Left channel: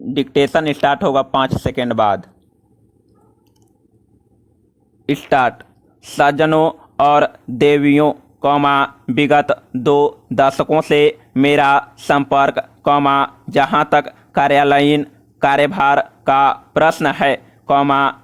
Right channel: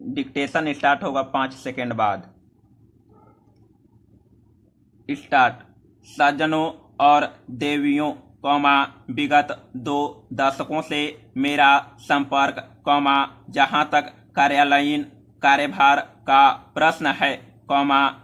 Dictation start होगा 5 second बाद। Start. सज्जनों और देवियों, विगत 2 दशकों से मेरा संपर्क, जहां तक कार्यालयीन कार्यभार का प्रश्न है,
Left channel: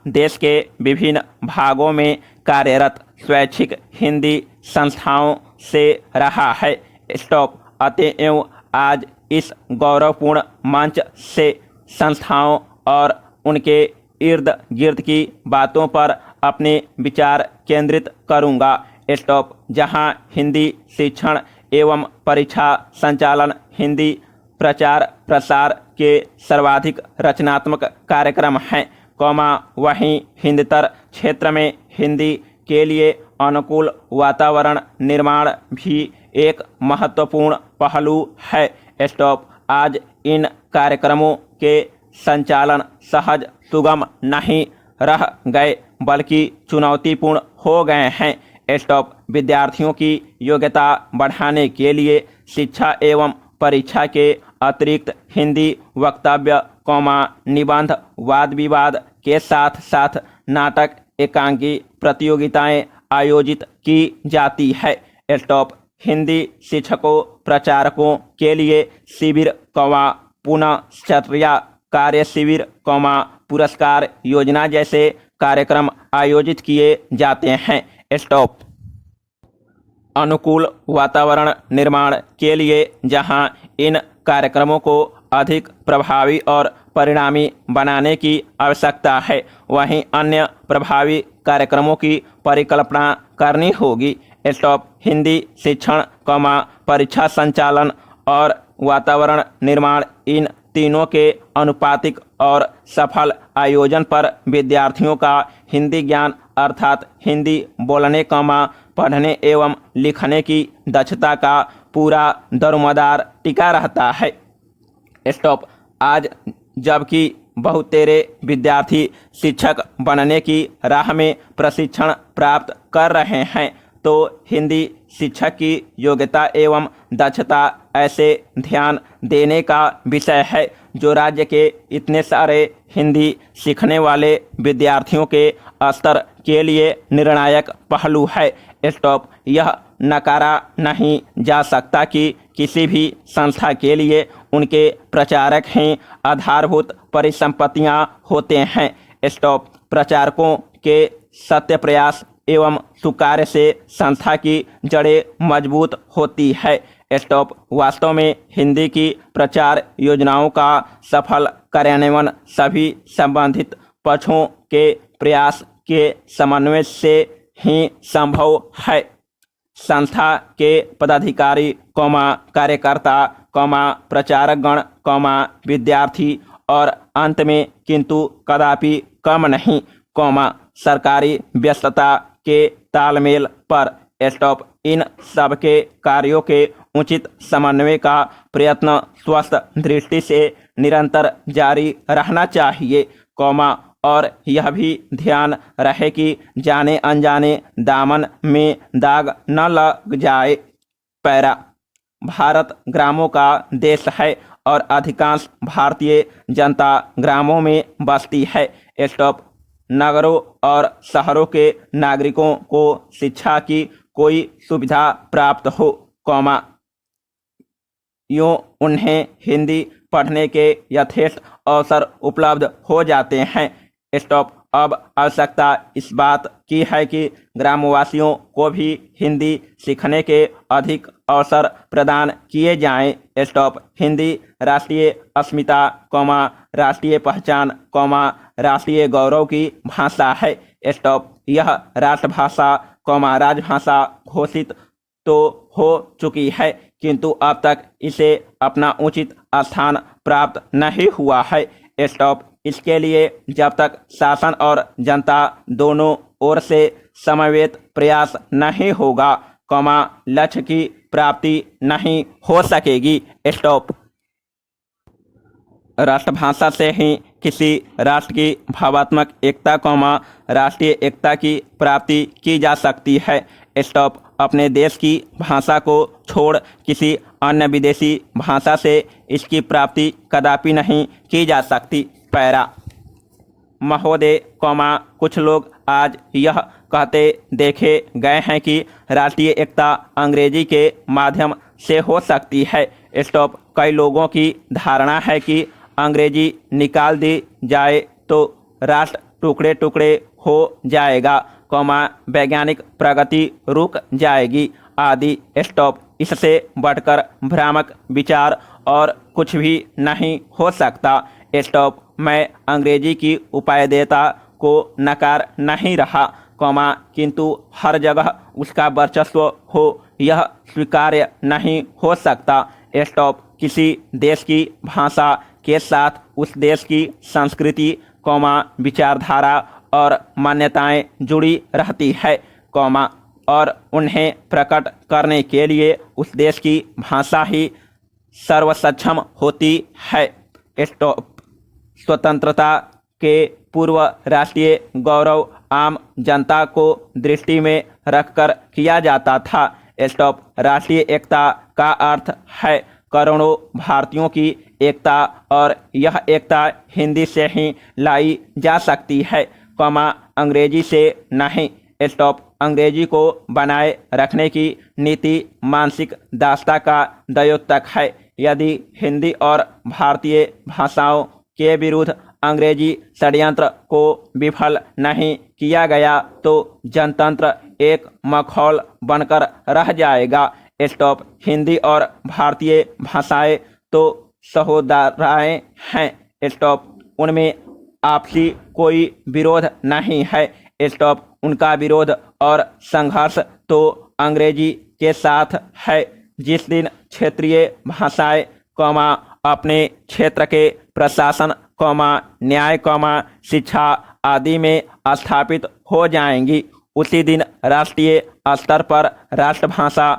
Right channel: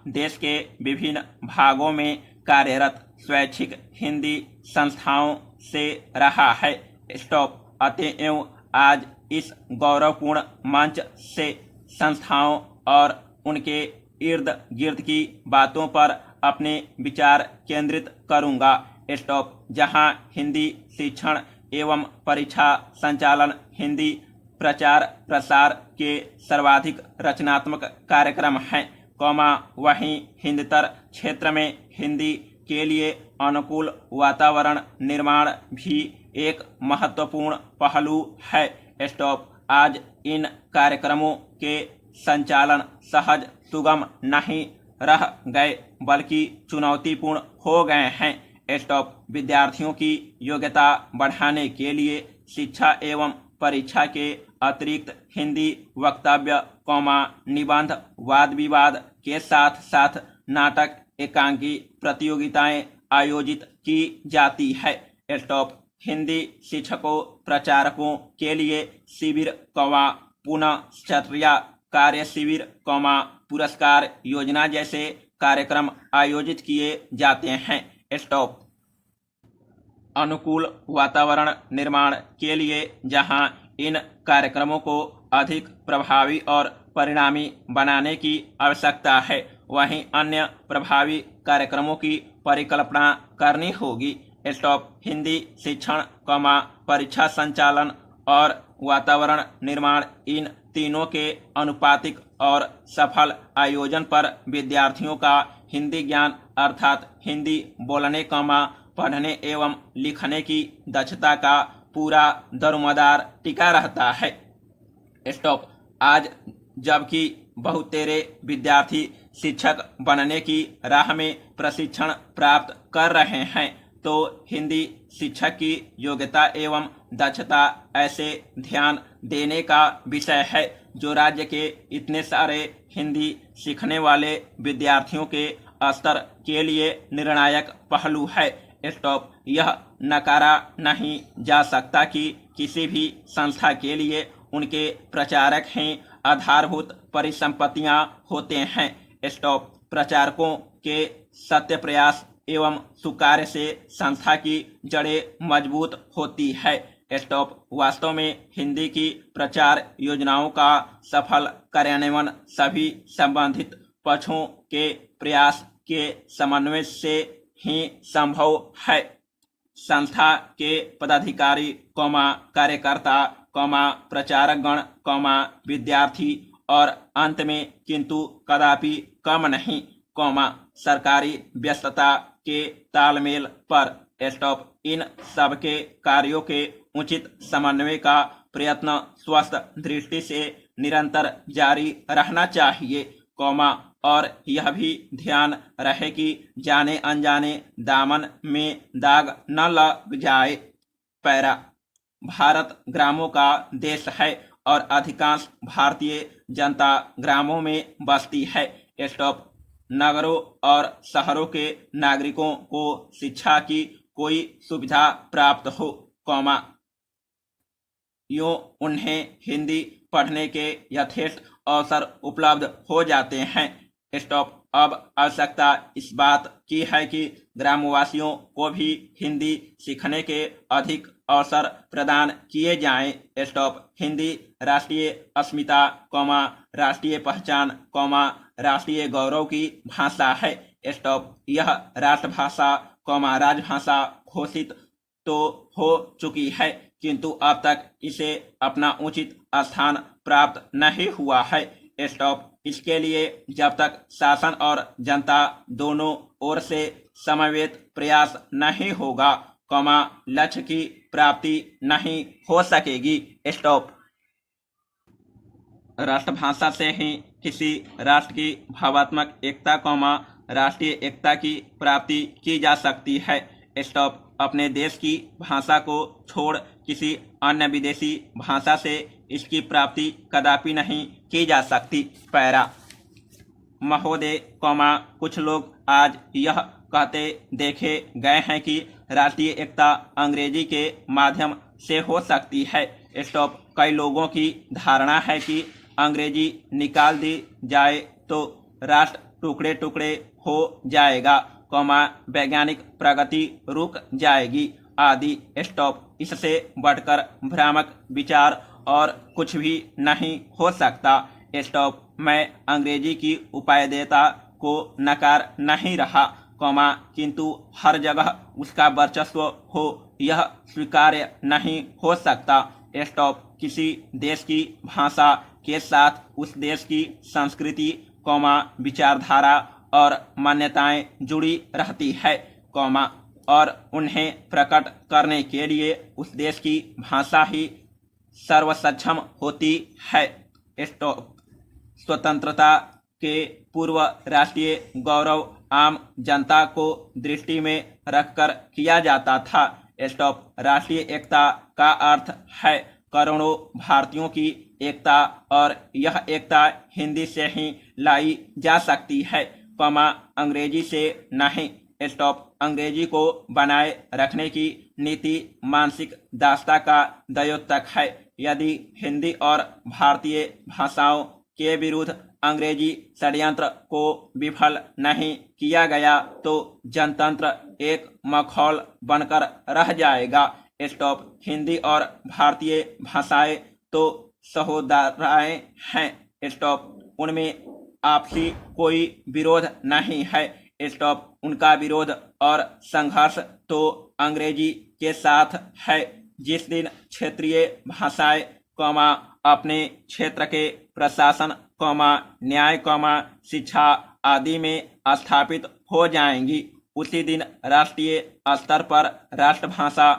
देश के विभिन्न भागों में कार्यरत स्वैच्छिक हिंदी संस्थाओं से रहा है। स्टॉप। अतएव आज इस गौरवपूर्ण मंच से संस्थाओं और उनके इर्द गिर्द की बातों पर अपने विचार केंद्रित करूंगा। स्टॉप। जहां हिंदी शिक्षण एवं परीक्षा संचालन, हिंदी प्रचार प्रसार के सर्वाधिक रचनात्मक कार्यक्रम हैं, वहीं हिंदतर क्षेत्र में हिंदी के लिए अनुकूल वातावरण निर्माण भी एक महत्वपूर्ण पहलू है। स्टॉप। आज इन कार्यक्रमों के संचालन सहज सुगम नहीं रह गए बल्कि चुनौतीपूर्ण हो गए हैं। स्टॉप। विद्यार्थियों की योग्यता बढ़ाने के लिए शिक्षा एवं परीक्षा के अतिरिक्त हिंदी वक्तव्य, निबंध, वाद विवाद के साथ साथ नाटक, एकांकी प्रतियोगिताएं आयोजित की जाती है। स्टॉप। हिंदी शिक्षकों प्रचारकों के लिए शिविर, पुनश्चर्या कार्य शिविर, पुरस्कार योजना जैसे कार्यक्रम आयोजित किए जाते हैं। स्टॉप। अनुकूल वातावरण निर्माण के लिए जहां इन कार्यक्रमों को अधिक प्रभावी और परिणामी बनाने की आवश्यकता है, वहीं अन्य प्रभावी कार्यक्रमों की परिकल्पना करनी होगी। स्टॉप। हिंदी शिक्षण, परीक्षा संचालन और वातावरण निर्माण, इन तीनों के अनुपातिक और सफल आयोजन पर विद्यार्थियों का हिंदी ज्ञान अर्थात हिंदी बोलने, पढ़ने एवं लिखने की दक्षता का पूरा दरोमदार टिका रहता है। स्टॉप। आज जबकि बहुतेरे विद्यार्थी शिक्षक बनने की राह में प्रशिक्षण प्राप्त कर रहे हैं, तो हिंदी शिक्षक की योग्यता एवं दक्षता ऐसे ध्यान देने का विषय है जो राज्य के इतने सारे हिंदी सीखने वाले विद्यार्थियों के स्तर के लिए निर्णायक पहलू है। स्टॉप। यह नकारा नहीं जा सकता कि किसी भी संस्था के लिए उनके प्रचारक ही आधारभूत परिसंपत्तियां होते हैं। स्टॉप। प्रचारकों के सत्य प्रयास एवं सुकार्य से संस्था की जड़ें मजबूत होती है। स्टॉप। वास्तव में हिंदी की प्रचार योजनाओं का सफल कार्यान्वयन सभी संबंधित पक्षों के प्रयास के समन्वय से ही संभव है। संस्था के पदाधिकारी, कार्यकर्ता, प्रचारकगण, विद्यार्थी और अंत में किंतु कदापि कम नहीं, सरकारी व्यस्तता के तालमेल पर। स्टॉप। इन सब के कार्यों के उचित समन्वय का प्रयत्न स्वस्थ दृष्टि से निरंतर जारी रहना चाहिए, और यह भी ध्यान रहे कि जाने अनजाने दामन में दाग न लग जाए। पैरा। भारत ग्रामों का देश है और अधिकांश भारतीय जनता ग्रामों में बसती है। स्टॉप। नगरों और शहरों के नागरिकों को शिक्षा की कोई सुविधा प्राप्त हो, यूँ उन्हें हिंदी पढ़ने के यथेष्ट अवसर उपलब्ध हो जाते हैं। स्टॉप। अब आवश्यकता इस बात की है कि ग्रामवासियों को भी हिंदी सीखने के अधिक अवसर प्रदान किए जाएं। स्टॉप। हिंदी राष्ट्रीय अस्मिता, राष्ट्रीय पहचान, राष्ट्रीय गौरव की भाषा है। स्टॉप। यह राष्ट्रभाषा, राजभाषा घोषित तो हो चुकी है, किंतु अब तक इसे अपना उचित स्थान प्राप्त नहीं हुआ है। स्टॉप। इसके लिए जब तक शासन और जनता दोनों ओर से समन्वित प्रयास नहीं होगा, लक्ष्य की प्राप्ति नहीं हो सकेगी। स्टॉप। राष्ट्रभाषा से ही किसी राष्ट्र की भावात्मक एकता, राष्ट्रीय एकता की प्राप्ति की जा सकती है। स्टॉप। अपने देश की भाषा को छोड़ किसी अन्य विदेशी भाषा से इसकी प्राप्ति कदापि नहीं की जा सकती। पैरा महोदय, कुछ लोग आज यह कहते देखे गए हैं कि राष्ट्रीय एकता अंग्रेजी के माध्यम से हो सकती है। स्टॉप। कई लोगों की धारणा है कि अंग्रेजी निकाल दी जाए तो राष्ट्र टुकड़े टुकड़े हो जाएगा, वैज्ञानिक प्रगति रुक जाएगी आदि। स्टॉप। इससे बढ़कर भ्रामक विचार और कुछ भी नहीं हो सकता। स्टॉप। मैं अंग्रेजी की उपादेयता को नकार नहीं रहा, किंतु हर जगह उसका वर्चस्व हो यह स्वीकार्य नहीं हो सकता। स्टॉप। किसी देश की भाषा के साथ उस देश की संस्कृति, विचारधारा और मान्यताएं जुड़ी रहती है, और उन्हें प्रकट करने के लिए उस देश की भाषा ही सर्वसक्षम होती है। स्टॉप। स्वतंत्रता के पूर्व राष्ट्रीय गौरव आम जनता को दृष्टि में रखकर किया जाता था। स्टॉप। राष्ट्रीय एकता का अर्थ है करोड़ों भारतीयों की एकता, और यह एकता हिंदी से ही लाई जा सकती है, अंग्रेजी से नहीं। स्टॉप। अंग्रेजी को बनाए रखने की नीति मानसिक दासता का द्योतक है। यदि हिंदी और भारतीय भाषाओं के विरुद्ध अंग्रेजी षड्यंत्र को विफल नहीं किया गया तो जनतंत्र एक मखौल बनकर रह जाएगा। स्टॉप। हिंदी और भारतीय भाषाएं तो सहोदराएं हैं। स्टॉप। उनमें आपसी कोई विरोध नहीं है। स्टॉप। उनका विरोध और संघर्ष तो अंग्रेजी के साथ है। जिस दिन क्षेत्रीय भाषाएं, अपने क्षेत्र के प्रशासन, न्याय, शिक्षा आदि में स्थापित हो जाएंगी, उसी दिन राष्ट्रीय स्तर पर राष्ट्रभाषा,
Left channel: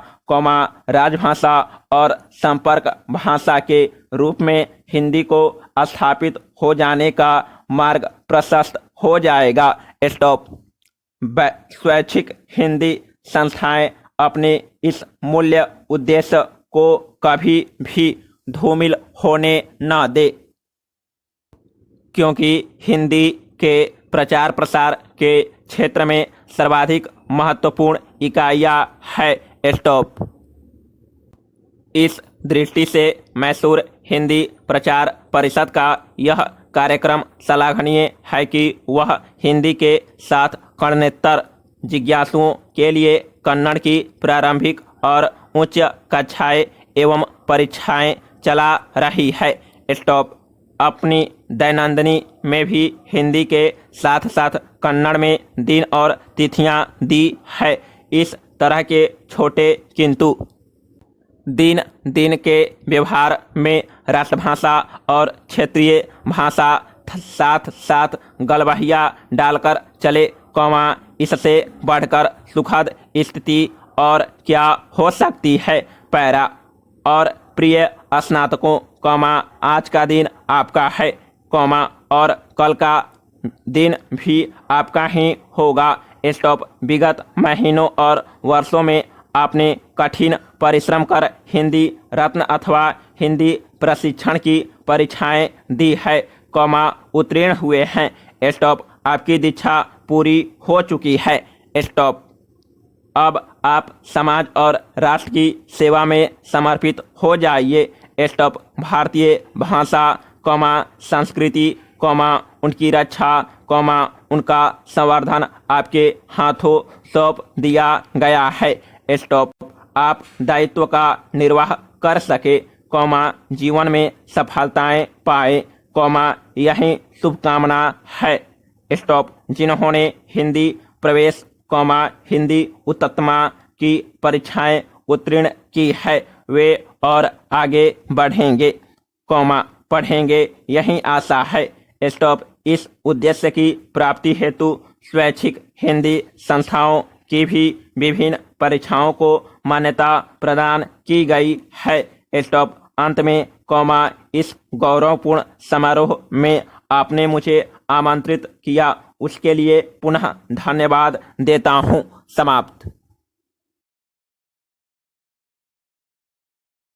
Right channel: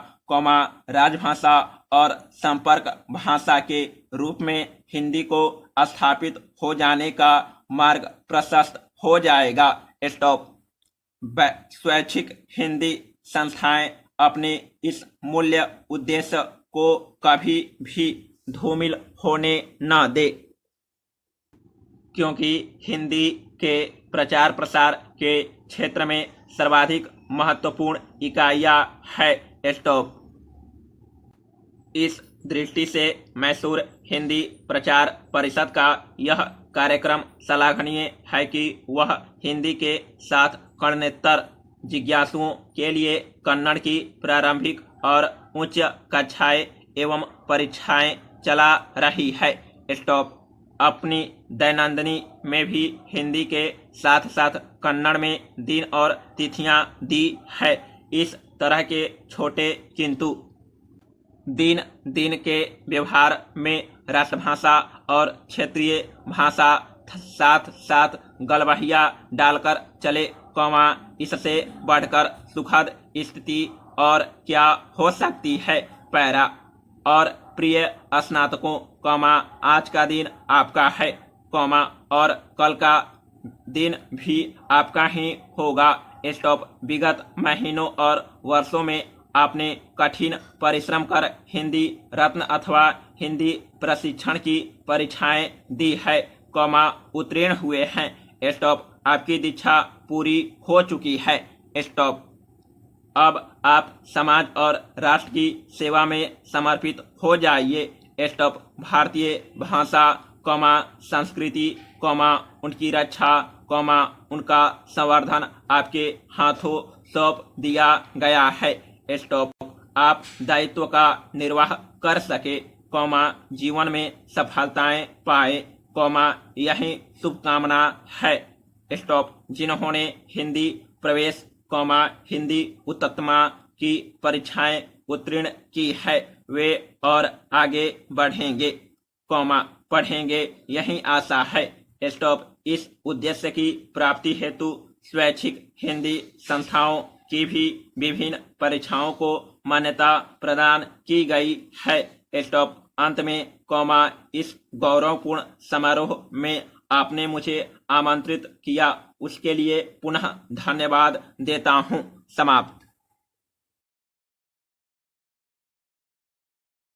राजभाषा और संपर्क भाषा के रूप में हिंदी को स्थापित हो जाने का मार्ग प्रशस्त हो जाएगा। स्टॉप। स्वैच्छिक हिंदी संस्थाएं अपने इस मूल्य उद्देश्य को कभी भी धूमिल होने न दे, क्योंकि हिंदी के प्रचार प्रसार के क्षेत्र में सर्वाधिक महत्वपूर्ण इकाइयां है। स्टॉप। इस दृष्टि से मैसूर हिंदी प्रचार परिषद का यह कार्यक्रम सराहनीय है कि वह हिंदी के साथ कन्नड़ेतर जिज्ञासुओं के लिए कन्नड़ की प्रारंभिक और उच्च कक्षाएं एवं परीक्षाएं चला रही है। स्टॉप। अपनी दैनंदिनी में भी हिंदी के साथ साथ कन्नड़ में दिन और तिथियां दी है। इस तरह के छोटे किंतु दिन दिन के व्यवहार में राष्ट्रभाषा और क्षेत्रीय भाषा साथ साथ गलबहिया डालकर चले, इससे बढ़कर सुखद स्थिति और क्या हो सकती है। पैरा। और प्रिय स्नातकों, आज का दिन आपका है, और कल का दिन भी आपका ही होगा। स्टॉप। विगत महीनों और वर्षों में आपने कठिन परिश्रम कर हिंदी रत्न अथवा हिंदी प्रशिक्षण की परीक्षाएं दी है, उत्तीर्ण हुए हैं। स्टॉप। आपकी दीक्षा पूरी हो चुकी है। स्टॉप। अब आप समाज और राष्ट्र की सेवा में समर्पित हो जाइए। स्टॉप। भारतीय भाषा, संस्कृति, उनकी रक्षा, उनका संवर्धन आपके हाथों सौंप दिया गया है। स्टॉप। आप दायित्व का निर्वाह कर सके, जीवन में सफलताएं पाए, यही शुभकामना है। स्टॉप। जिन्होंने हिंदी प्रवेश, हिंदी उत्तमा की परीक्षाएं उत्तीर्ण की है, वे और आगे बढ़ेंगे, पढ़ेंगे, यही आशा है। स्टॉप। इस उद्देश्य की प्राप्ति हेतु स्वैच्छिक हिंदी संस्थाओं की भी विभिन्न परीक्षाओं को मान्यता प्रदान की गई है। स्टॉप। अंत में, इस गौरवपूर्ण समारोह में आपने मुझे आमंत्रित किया, उसके लिए पुनः धन्यवाद देता हूँ। समाप्त।